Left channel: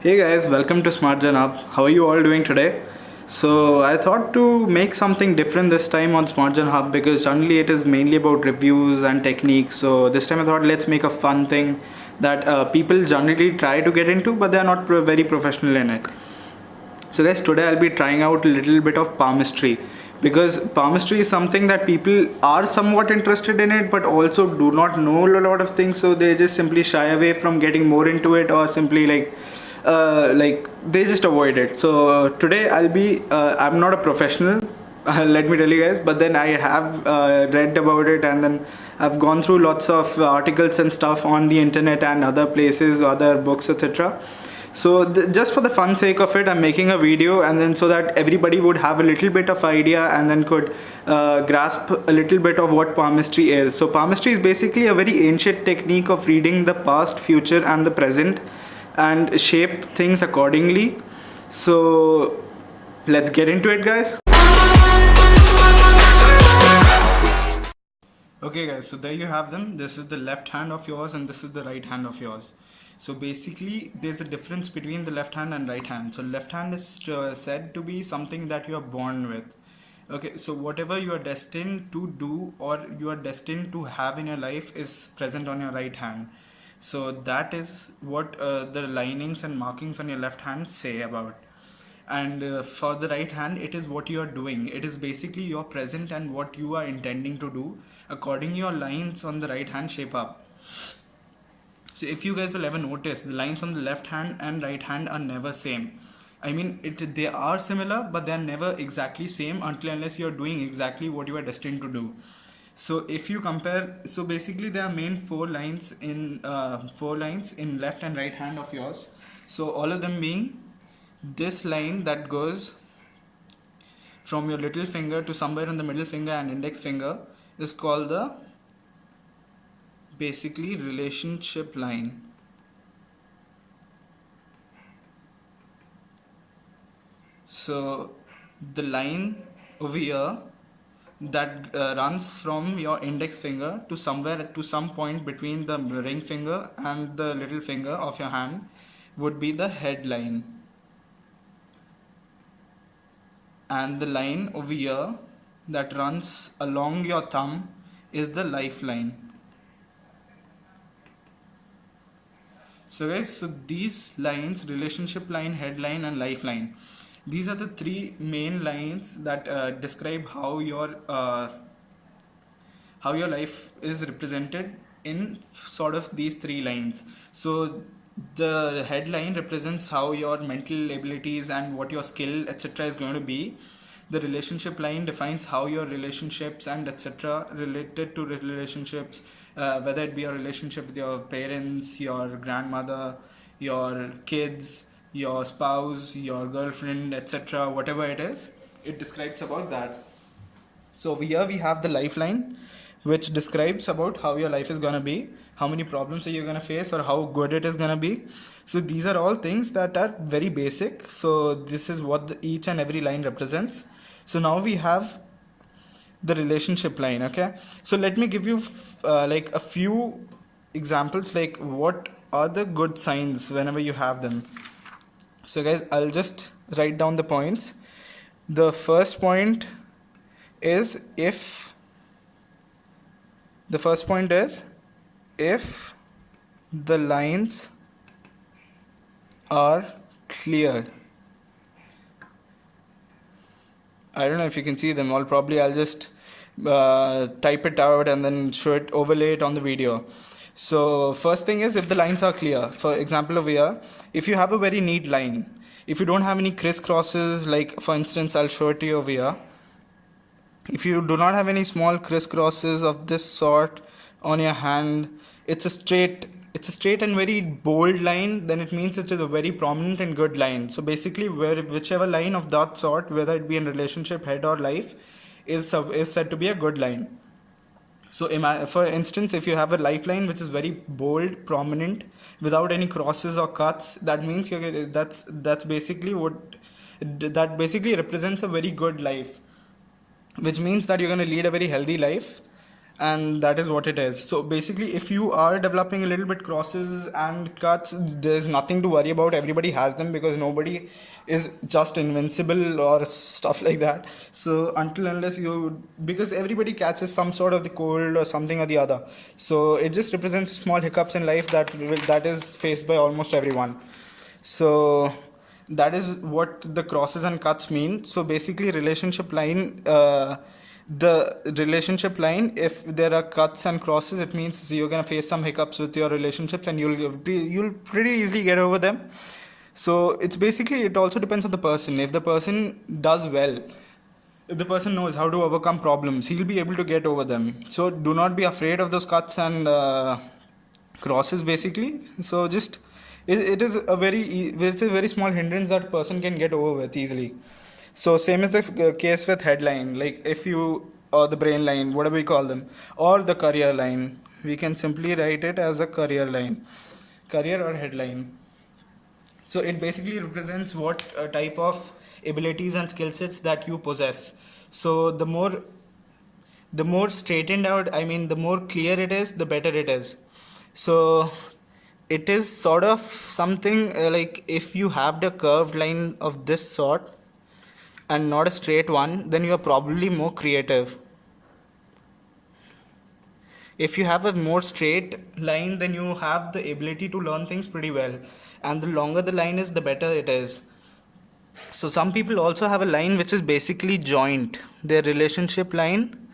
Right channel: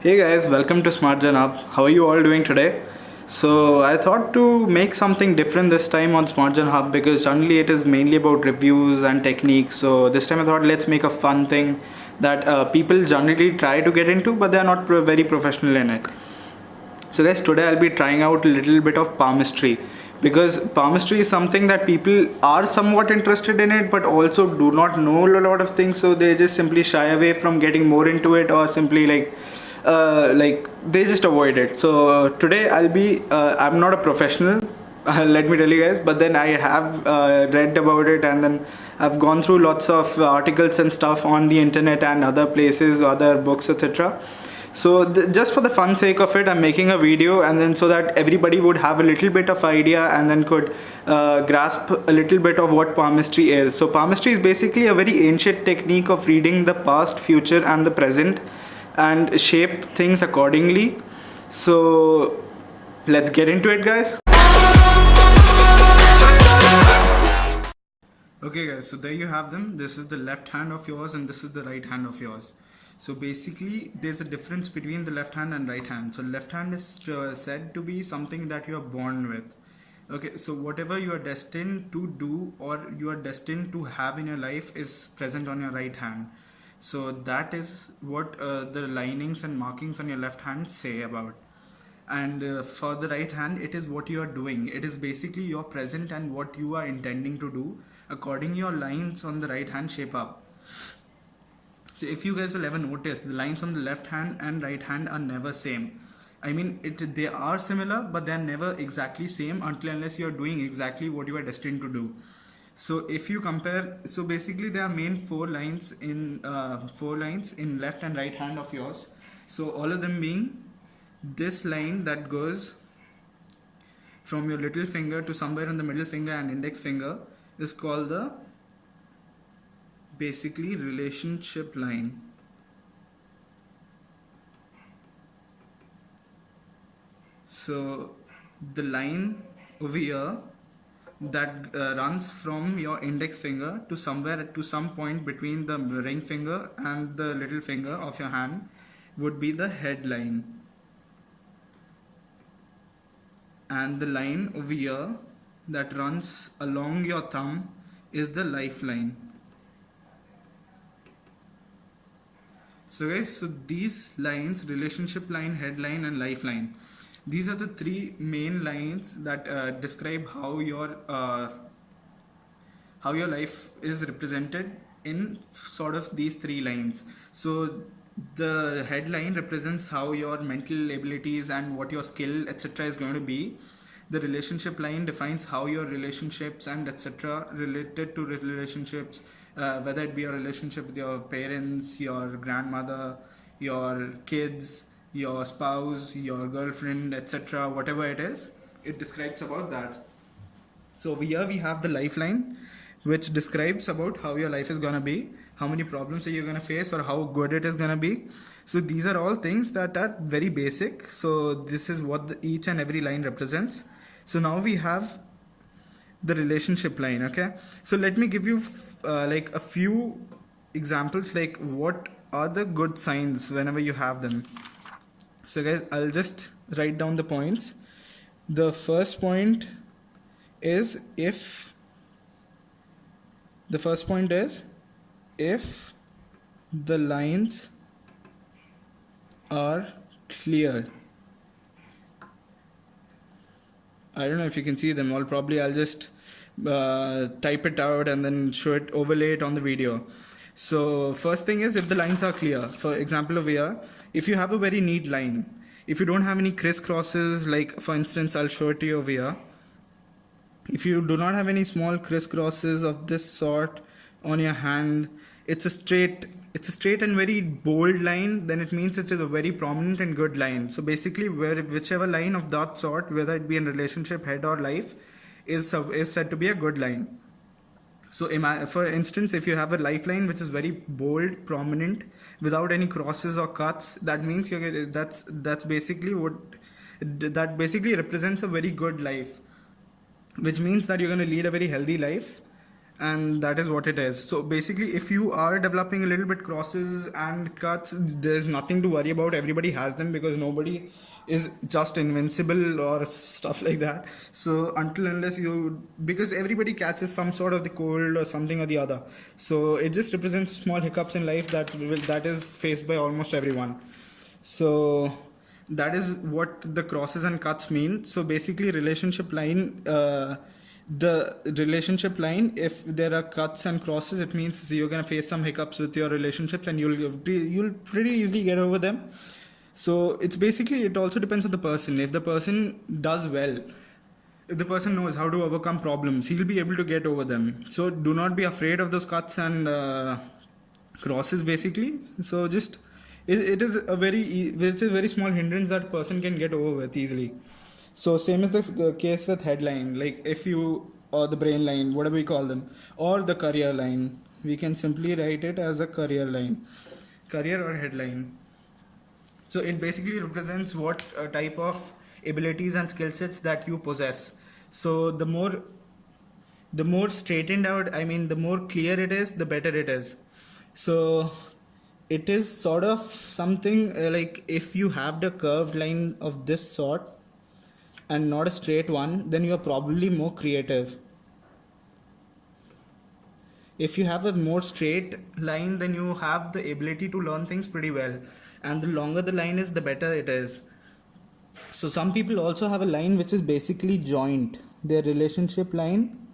Hey guys, welcome to Smart Gen Hub. How are you all doing today? So I thought to make something different this time on Smart Gen Hub because generally it is mainly about reviews and techniques. So this time I thought let's make a fun thing that people generally try to get into, but they are not very professional in it. So guys, today I'll be trying out a little bit of palmistry because palmistry is something that people are somewhat interested in it but also do not know a lot of things, so they just simply shy away from getting more into it or simply like they just avoid it. So today I'm not a professional, let me tell you guys, but then I have read about it, and then I've gone through lots of articles and stuff on the internet and other places, other books, etc. So just for the fun sake of it, I'm making a video, and then so that everybody would have a little bit of idea and then could grasp a little bit of what palmistry is. So palmistry is basically a very ancient technique of reading the past, future and the present and shape things accordingly. So let's get into it, guys. Okay guys, so there you have them. This is the left hand of yours and this is the right hand of yours. So basically there's a difference between the left hand and right hand. So left hand is said to be something that you are born with. Okay, so whatever you are destined to do or you are destined to have in your life is present on your right hand. So that is what the linings and markings on your left hand say about. And for the right hand, it is what you are doing. It is basically your present and what you are intending to do. According your lines on the right hand shape up. So if you guys will ever notice, the lines on the left hand and right hand are never same. I mean, they are similar, but they are never exactly same unless you are doing exactly what you are destined to do. So if you compare, so basically there are main four lines in left and right hand of yours. So all of them being this line that goes from your little finger to somewhere on the middle finger and index finger is called the basically relationship line. So the line over here that runs from your index finger to some point between the ring finger and the little finger of your hand would be the head line, and the line over here that runs along your thumb is the lifeline. So guys, so these lines, relationship line, headline and lifeline, these are the three main lines that describe how your life is represented in sort of these three lines. So the headline represents how your mental abilities and what your skill etc is going to be. The relationship line defines how your relationships and etc related to relationships, whether it be a relationship with your parents, your grandmother, your kids, your spouse, your girlfriend, etc, whatever it is, it describes about that. So here we have the lifeline, which describes about how your life is gonna be, how many problems are you gonna face or how good it is gonna be. So these are all things that are very basic. So this is what each and every line represents. So now we have the relationship line. Okay, so let me give you like a few examples, like what are the good signs whenever you have them. So guys, I'll just write down the points. The first point is if the lines are clear. I don't know if you can see them all. Probably I'll just type it out and then overlay it on the video. So first thing is if the lines are clear. For example over here, if you have a very neat line, if you don't have any crisscrosses, like for instance I'll show it to you over here. If you do not have any small crisscrosses of this sort on your hand, it's a straight and very bold line, then it means it is a very prominent and good line. So basically whichever line of that sort, whether it be in relationship, head or life, is said to be a good line. So for instance, if you have a lifeline which is very bold, prominent, without any crosses or cuts, that means that basically represents a very good life, which means that you're going to lead a very healthy life and that is what it is. So basically, if you are developing a little bit crosses and cuts, there's nothing to worry about. Everybody has them, because nobody is just invincible or stuff like that. So until unless you, because everybody catches some sort of the cold or something or the other, so it just represents small hiccups in life that is faced by almost everyone. So that is what the crosses and cuts mean. So basically, relationship line, the relationship line, if there are cuts and crosses, it means you're gonna face some hiccups with your relationships, and you'll pretty easily get over them. So it's basically, it also depends on the person. If the person does well, if the person knows how to overcome problems, he'll be able to get over them. So do not be afraid of those cuts and crosses basically. So just it is a it's a very small hindrance that person can get over with easily. So same is the case with headline, like if you, or the brain line, whatever we call them, or the career line, we can simply write it as a career line, career or headline. So it basically represents what type of abilities and skill sets that you possess. So the more straightened out, I mean, the more clear it is, the better it is. So it is sort of something like, if you have the curved line of this sort and not a straight one, then you are probably more creative. If you have a more straight line, then you have the ability to learn things pretty well, and the longer the line is, the better it is. So some people also have a line which is basically joint. Their relationship line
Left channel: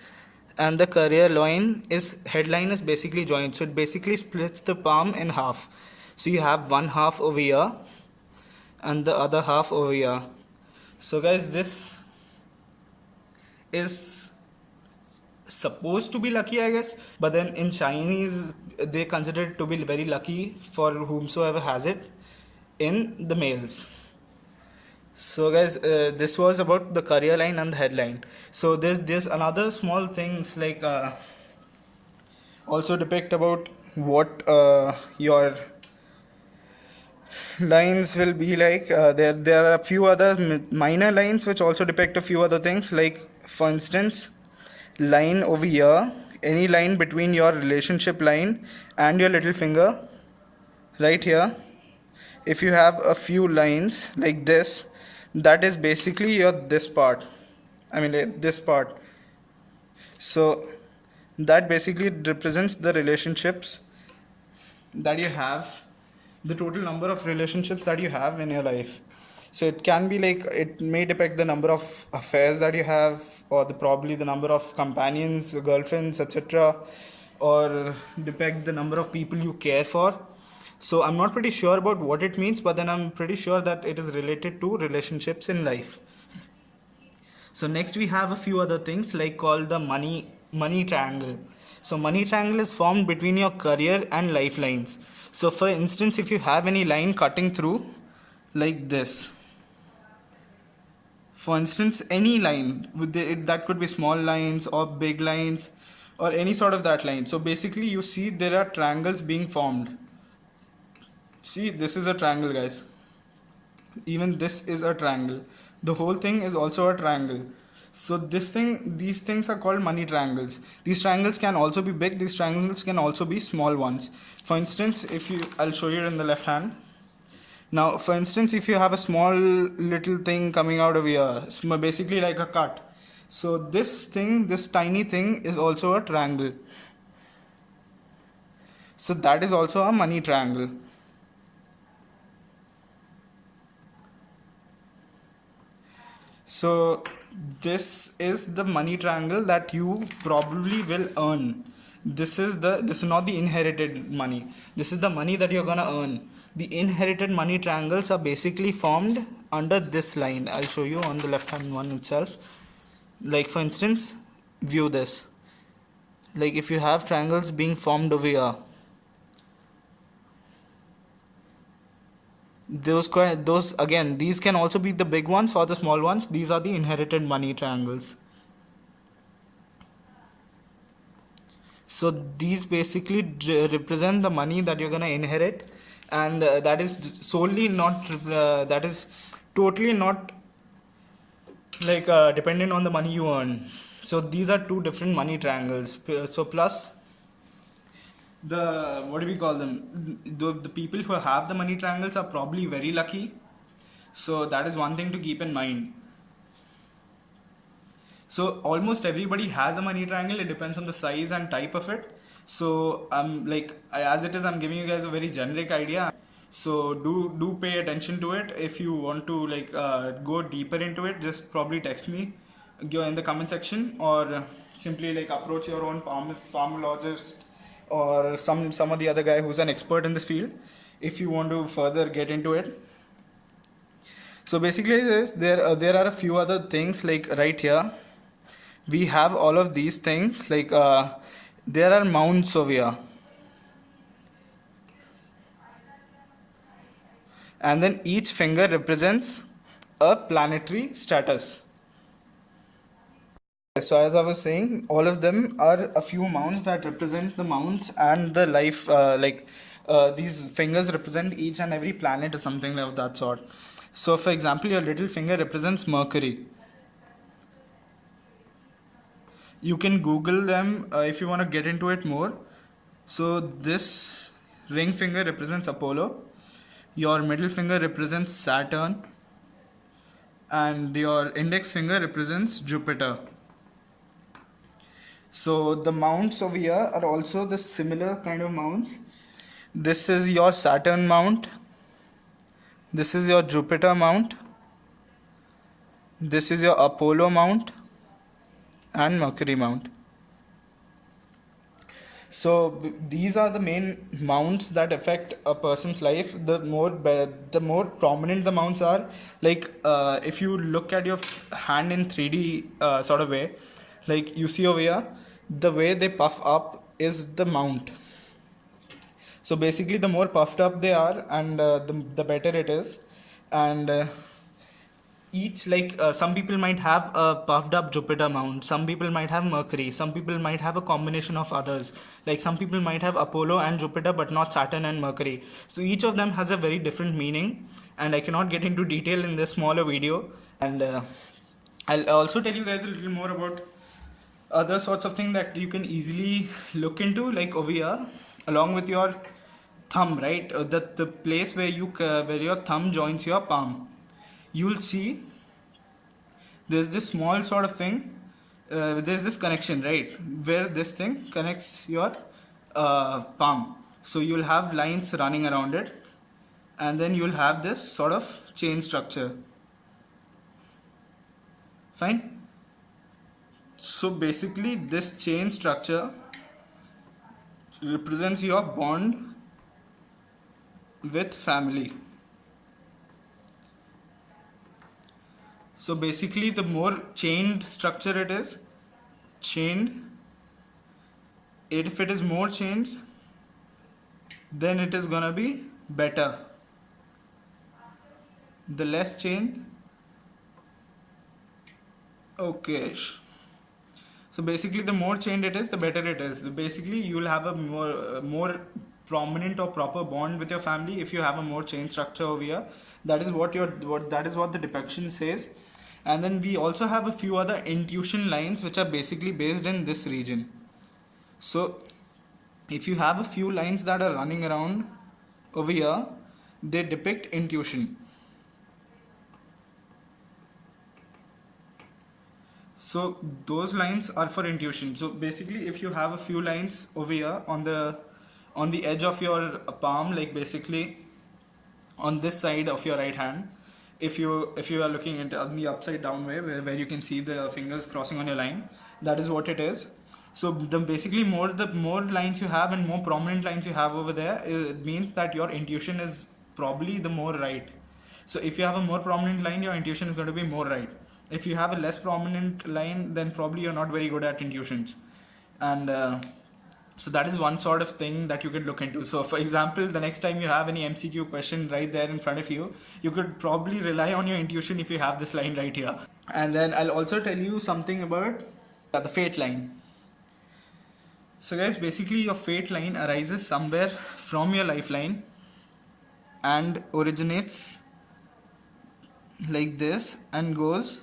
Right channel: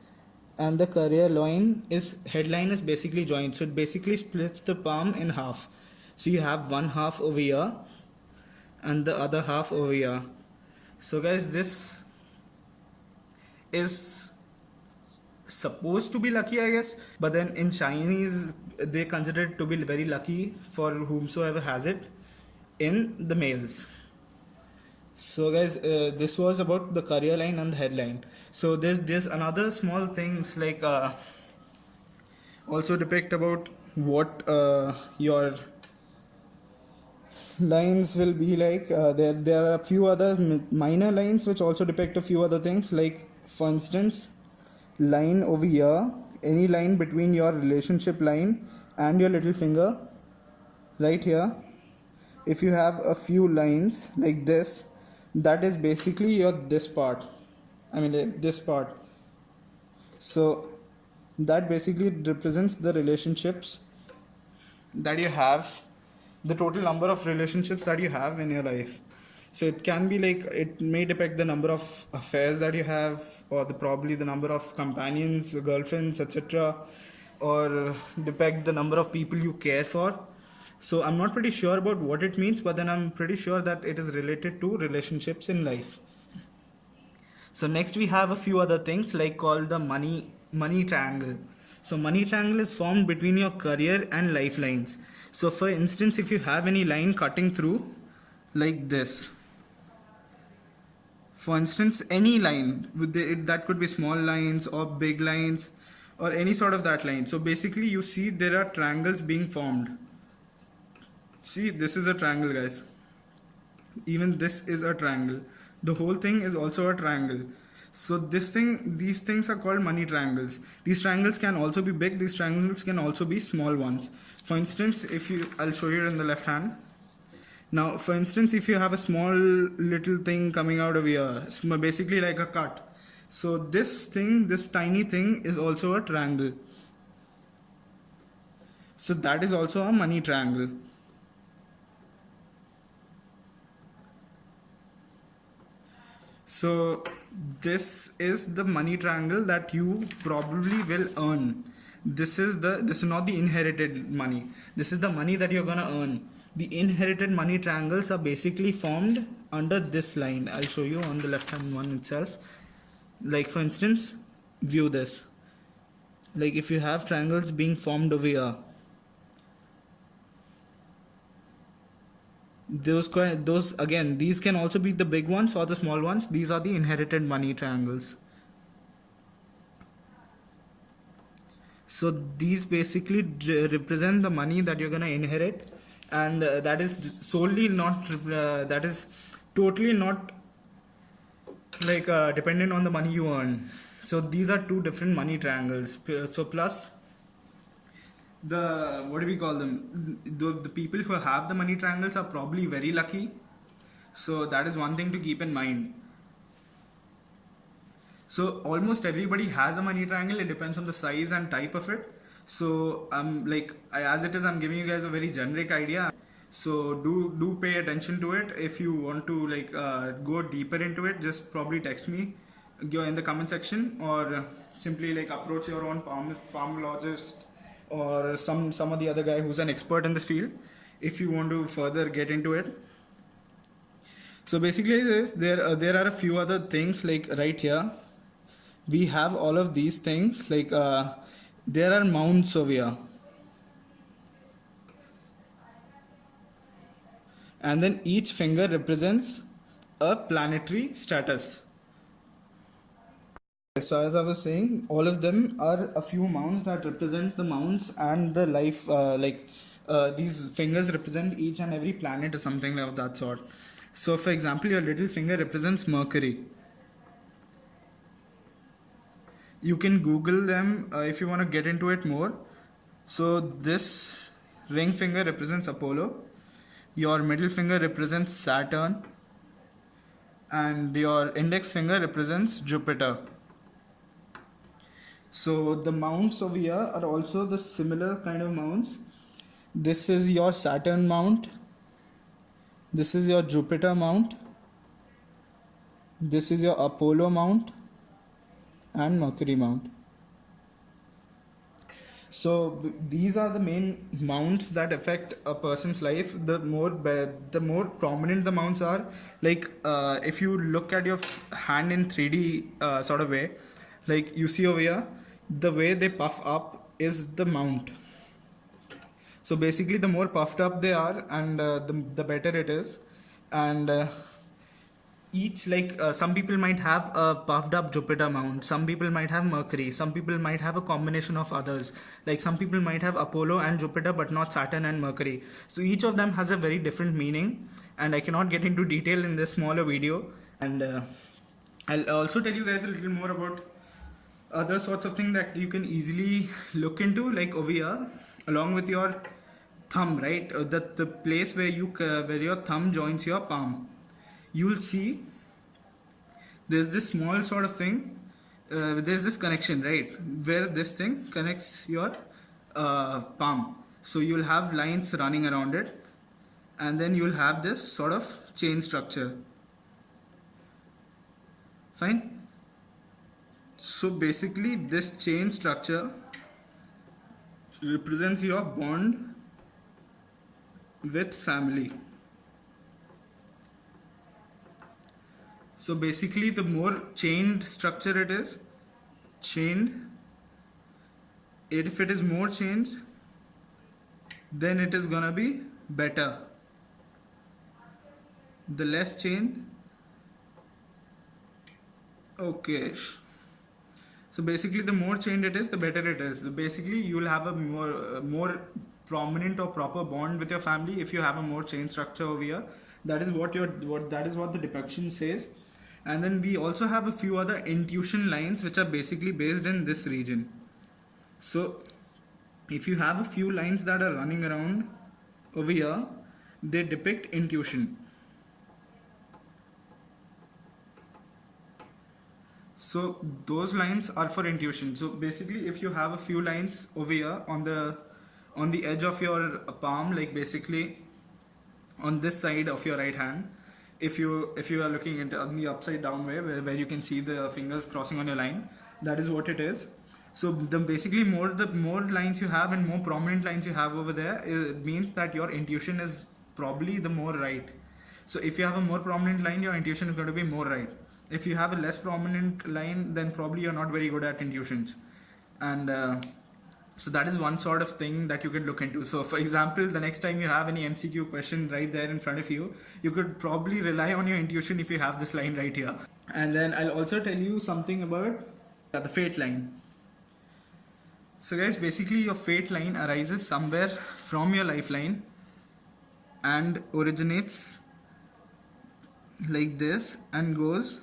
and the career line is, headline is basically joint. So it basically splits the palm in half. So you have one half over here and the other half over here. So guys, this is supposed to be lucky, I guess, but then in Chinese they consider it to be very lucky for whomsoever has it, in the males. So guys, this was about the career line and the headline. So there's another small things like also depict about what your lines will be like. There are a few other minor lines which also depict a few other things, like for instance, line over here, any line between your relationship line and your little finger right here. If you have a few lines like this, that is basically your this part, I mean this part. So that basically represents the relationships that you have, the total number of relationships that you have in your life. So it can be like, it may depict the number of affairs that you have, or probably the number of companions, girlfriends, etc., or depict the number of people you care for. So I'm not pretty sure about what it means, but then I'm pretty sure that it is related to relationships in life. So next we have a few other things like called the money triangle. So money triangle is formed between your career and lifelines. So for instance, if you have any line cutting through like this, for instance, any line that could be small lines or big lines or any sort of that line. So basically you see there are triangles being formed. See, this is a triangle, guys. Even this is a triangle. The whole thing is also a triangle. So these things are called money triangles. These triangles can also be big. These triangles can also be small ones. For instance, I'll show you in the left hand. Now, for instance, if you have a small little thing coming out of here, it's basically like a cut. So this tiny thing is also a triangle. So that is also a money triangle. So this is the money triangle that you probably will earn. This is not the inherited money. This is the money that you're gonna earn. The inherited money triangles are basically formed under this line. I'll show you on the left hand one itself. Like for instance, view this. Like if you have triangles being formed over here, those again, these can also be the big ones or the small ones. These are the inherited money triangles. So these basically represent the money that you're gonna inherit, and that is solely not that is totally not like dependent on the money you earn. So these are two different money triangles. So plus the, what do we call them, the people who have the money triangles are probably very lucky. So that is one thing to keep in mind. So almost everybody has a money triangle. It depends on the size and type of it. So as it is, I'm giving you guys a very generic idea. So do pay attention to it. If you want to go deeper into it, just probably text me in the comment section, or simply approach your own palmologist or some of the other guy who's an expert in this field if you want to further get into it. So basically there are a few other things, like right here we have all of these things, there are mounts over here, and then each finger represents a planetary status. So as I was saying, all of them are a few mounts that represent the mounts and the life, these fingers represent each and every planet or something of that sort. So for example, your little finger represents Mercury. You can Google them if you want to get into it more. So this ring finger represents Apollo, your middle finger represents Saturn, and your index finger represents Jupiter. So the mounts over here are also the similar kind of mounts. This is your Saturn mount, this is your Jupiter mount, this is your Apollo mount, and Mercury mount. So these are the main mounts that affect a person's life. The more prominent the mounts are, if you look at your hand in 3D sort of way, like you see over here, the way they puff up is the mount. So basically the more puffed up they are, and the better it is. And each, some people might have a puffed up Jupiter mount, some people might have Mercury, some people might have a combination of others, like some people might have Apollo and Jupiter but not Saturn and Mercury. So each of them has a very different meaning, and I cannot get into detail in this smaller video. And I'll also tell you guys a little more about other sorts of things that you can easily look into, like over here along with your thumb, right? The place where your thumb joins your palm, you'll see there's this small sort of thing, there's this connection, right, where this thing connects your palm. So you'll have lines running around it, and then you'll have this sort of chain structure. Fine. So basically this chain structure represents your bond with family. So basically the more chained structure it is, if it is more chained, then it is gonna be better. The less chained, okay. So basically the more chained it is, the better it is. So basically you will have a more prominent or proper bond with your family if you have a more chain structure over here. That is what the depiction says. And then we also have a few other intuition lines which are basically based in this region. So if you have a few lines that are running around over here, they depict intuition. So those lines are for intuition. So basically if you have a few lines over here on the edge of your palm, like basically on this side of your right hand, if you are looking at the upside down way where you can see the fingers crossing on your line, that is what it is. So the more lines you have and more prominent lines you have over there, it means that your intuition is probably the more right. So if you have a more prominent line, your intuition is going to be more right. If you have a less prominent line, then probably you're not very good at intuitions. And so that is one sort of thing that you could look into. So for example, the next time you have any MCQ question right there in front of you, you could probably rely on your intuition if you have this line right here. And then I'll also tell you something about the fate line. So guys, basically your fate line arises somewhere from your lifeline and originates like this and goes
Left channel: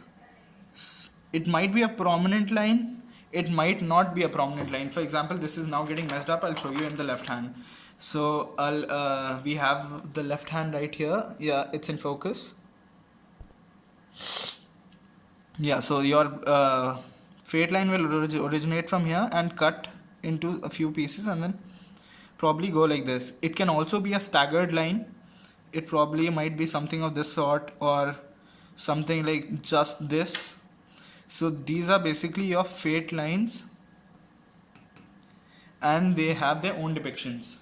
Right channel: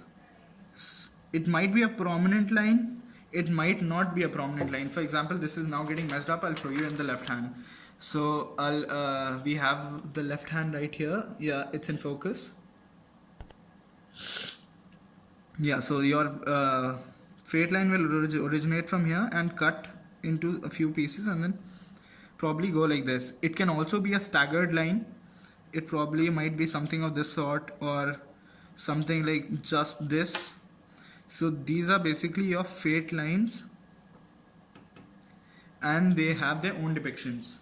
it might be a prominent line, it might not be a prominent line. For example, this is now getting messed up. I'll show you in the left hand. So we have the left hand right here. Yeah, it's in focus. Yeah, so your fade line will originate from here and cut into a few pieces and then probably go like this. It can also be a staggered line. It probably might be something of this sort or something like just this. So these are basically your fade lines and they have their own depictions.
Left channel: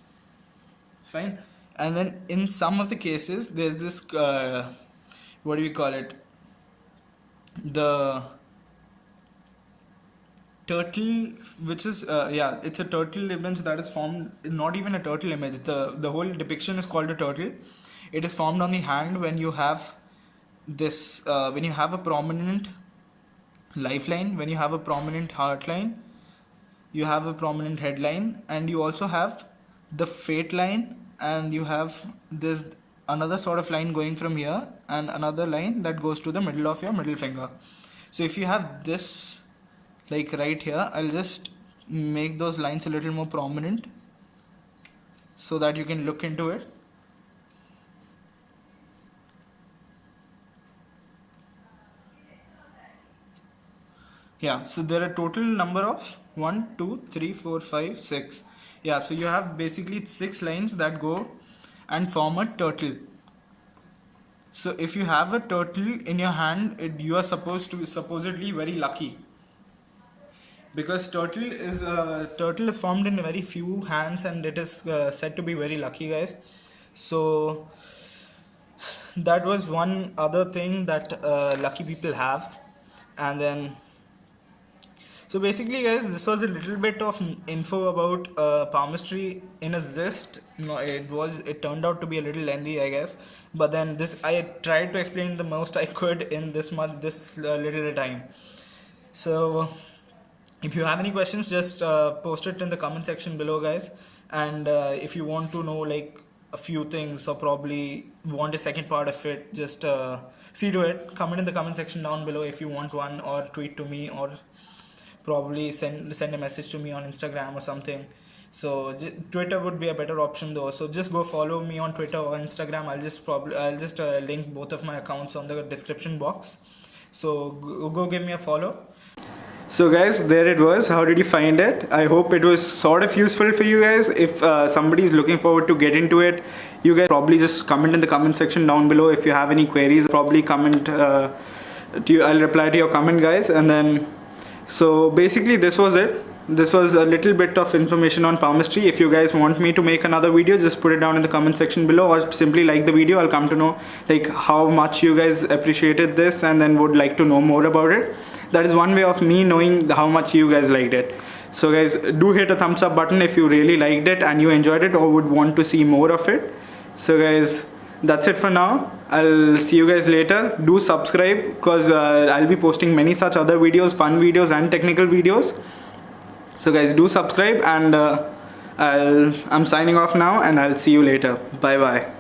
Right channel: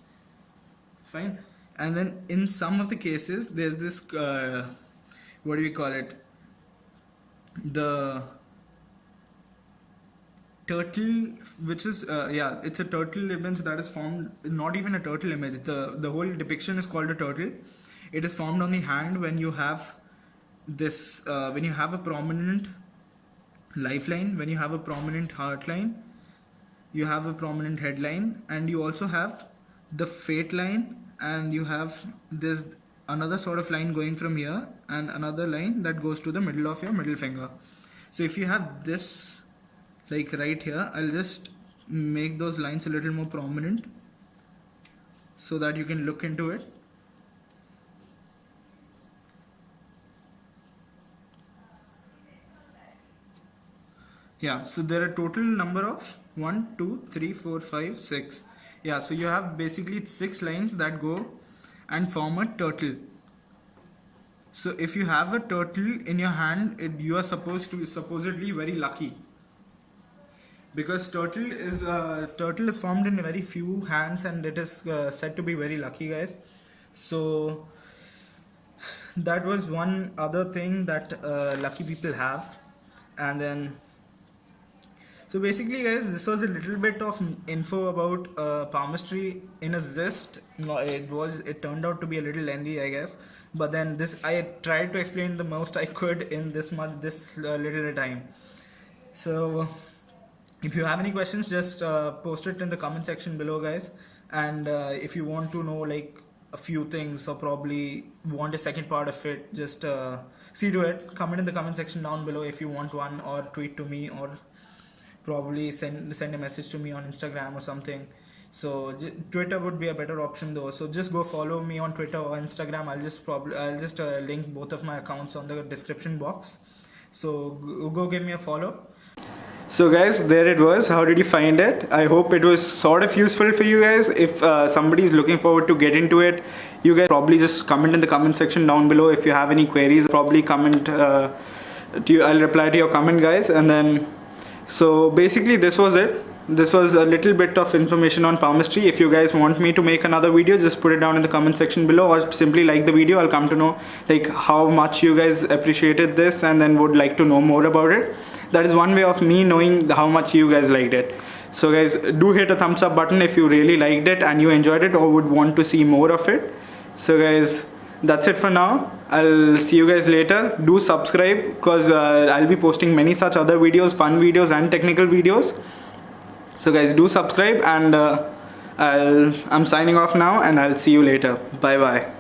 Fine. And then in some of the cases there's this what do we call it, the turtle, which is yeah, it's a turtle image that is formed, not even a turtle image, the whole depiction is called a turtle. It is formed on the hand when you have this when you have a prominent lifeline, when you have a prominent heart line, you have a prominent headline, and you also have the fate line, and you have this another sort of line going from here and another line that goes to the middle of your middle finger. So if you have this like right here, I'll just make those lines a little more prominent so that you can look into it. Yeah, so there are total number of 1, 2, 3, 4, 5, 6. Yeah, so you have basically 6 lines that go and form a turtle. So if you have a turtle in your hand, you are supposed to be supposedly very lucky, because turtle is formed in very few hands and it is said to be very lucky, guys. So that was one other thing that lucky people have. And then so basically, guys, this was a little bit of info about palmistry in a zest. No, it turned out to be a little lengthy, I guess. But then I tried to explain the most I could in this little time. So if you have any questions, just post it in the comment section below, guys. And if you want to know like a few things or probably want a second part of it, just see to it. Comment in the comment section down below if you want one, or tweet to me, or probably send a message to me on Instagram or something. So Twitter would be a better option though, so just go follow me on Twitter or Instagram. I'll just link both of my accounts on the description box, so go give me a follow. So guys, there it was. How did you find it? I hope it was sort of useful for you guys. If somebody is looking forward to get into it, you guys probably just comment in the comment section down below. If you have any queries, probably comment to you. I'll reply to your comment, guys. And then so basically this was it. This was a little bit of information on palmistry. If you guys want me to make another video, just put it down in the comment section below, or simply like the video. I'll come to know like how much you guys appreciated this and then would like to know more about it. That is one way of me knowing how much you guys liked it. So guys, do hit a thumbs up button if you really liked it and you enjoyed it or would want to see more of it. So guys, that's it for now. I'll see you guys later. Do subscribe, because I'll be posting many such other videos, fun videos and technical videos. So guys, do subscribe, and I'm signing off now, and I'll see you later. Bye bye.